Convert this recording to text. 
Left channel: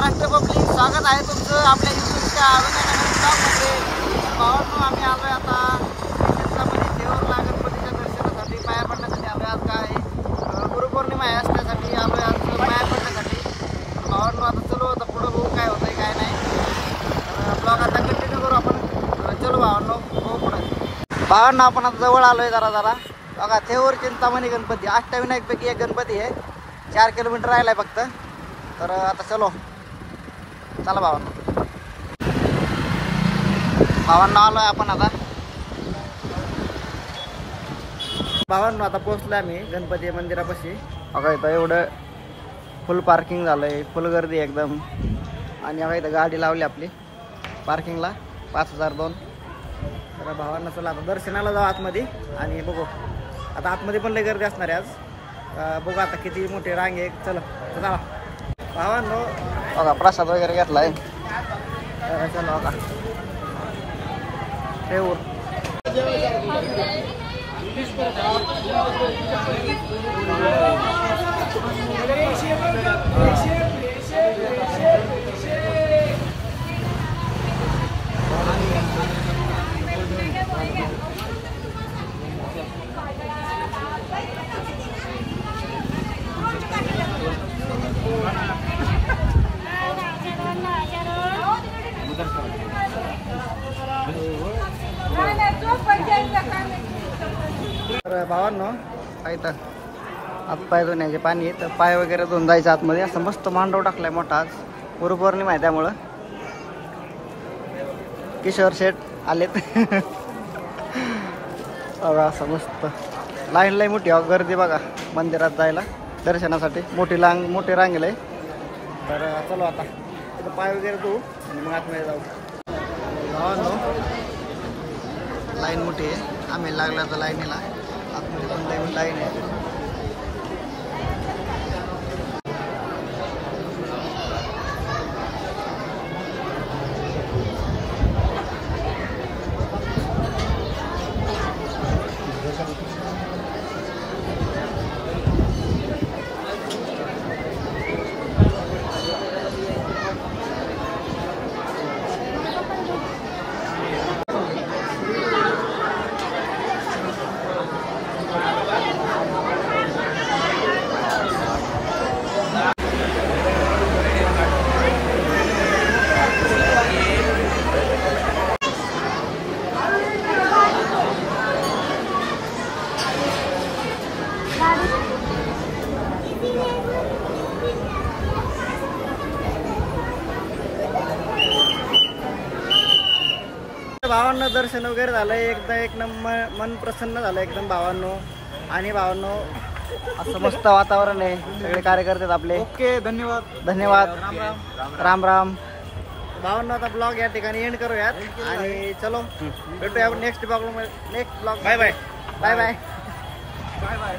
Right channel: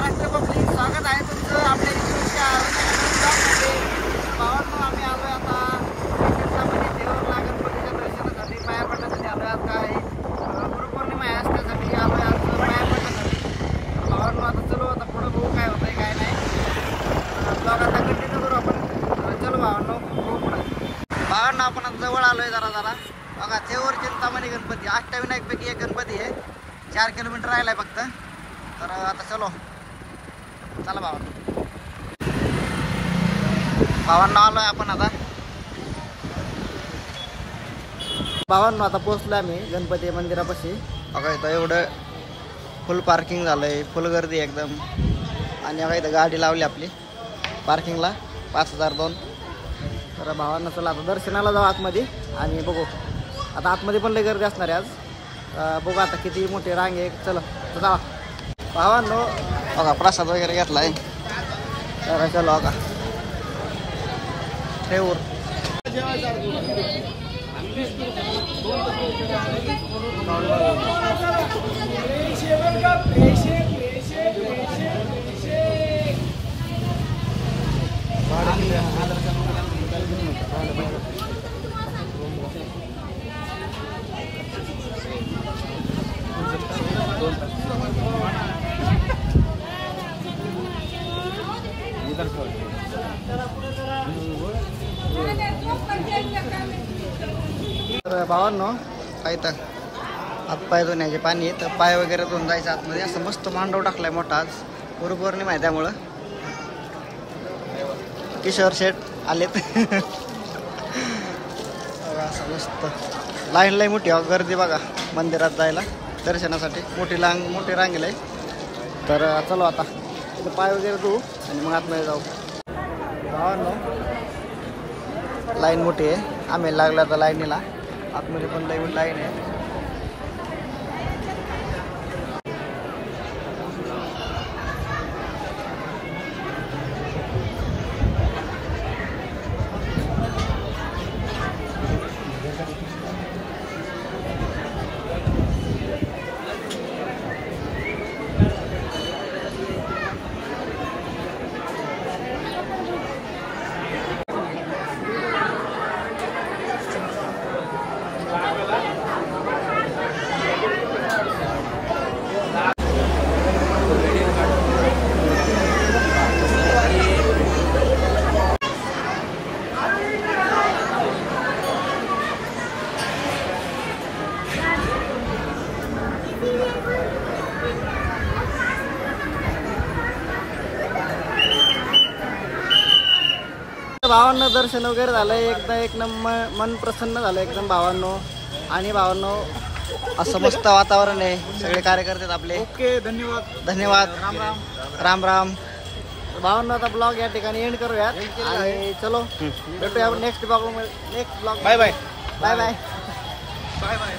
Maharashtra public, स्वागत आहे तुमचं आपल्या युट्यूबच्या ब्लॉगमध्ये. तर भावांनो, आम्ही आलोय आता क्षेत्रामध्ये देवरला गणपतीच्या दर्शनासाठी, पाया पडण्यासाठी आलोय. आज काय गुरुपौर्णिमा आहे, असण्यासाठी आलोय आज पाया पडण्यासाठी. भावांनो, आता चलो, आता पुढं बघू काय होतंय काय नाही. ब्लॉग आता कंटिन्यू करू आपण. चलो भावांनो, बघू पुढं. भावांनो, आपण आता जवळ आलोय जरा बघा. थेवर चिंतामणी गणपती, अष्टविनायकपैकी एक गणपती आहे. 4 किलोमीटर राहिलाय फक्त. तर आता चलो, चला भावांनो. आलोय आपण आता. भावांनो, आता पोहोचलोय आम्ही गणपती मंदिरापाशी. बघा इथं एवढं फुल पार्किंग झालंय, फुल गर्दी एकदम. आणि बघा इथं गाडी लावली आपली पार्किंगला, 5002. तर भावांना चला आता दर्शनाला जाऊ आतमध्ये आणि बघू. आता आतमध्ये पण लई गर्दी असणार आहे आज. बघू आता किती मोठी रांग आहे. चला चला भावांनो, बघा प्रसाद वगैरे घेतलाय. तर चलो बघा ठेवूर. तर भावांनो, काय तर हातपाय धुण्याचे पाणी आहे. तर पाय वगैरे धुवून जायचं आतमध्ये. असं मस्त मांडव टाकलाय मोठा. आज गुरुपौर्णिमा आहे त्यामुळं किशोर शेठ आलेत. बघा असं मस्त लाईन लई मोठी गर्दी बघा मंदिरात जायला दर्शनासाठी. मोठी रांगेल आहे. तर चलो आता इथं पाय वगैरे धुवू आणि मग आतमध्ये जाऊ. भावांनो, लाईन मोठी आहे. आम्ही लागला तर लाईनीला. आतमध्ये पण लाईन आहे. भावांनो, दर्शन वगैरे झालंय. एकदा एक नंबर मन प्रसन्न झालं एकदम भावांनो. आणि भावांनो, असं मस्त वातावरण आहे. सगळे कार्यकर्ते आहेत आपले. ओके, धन्यवाद. राम राम. राम राम. भावांनो, आता ब्लॉग या ठिकाणी एंड करूयात. आणि चलो भेटूया next blog. Bye bye. Bye bye. Bye bye.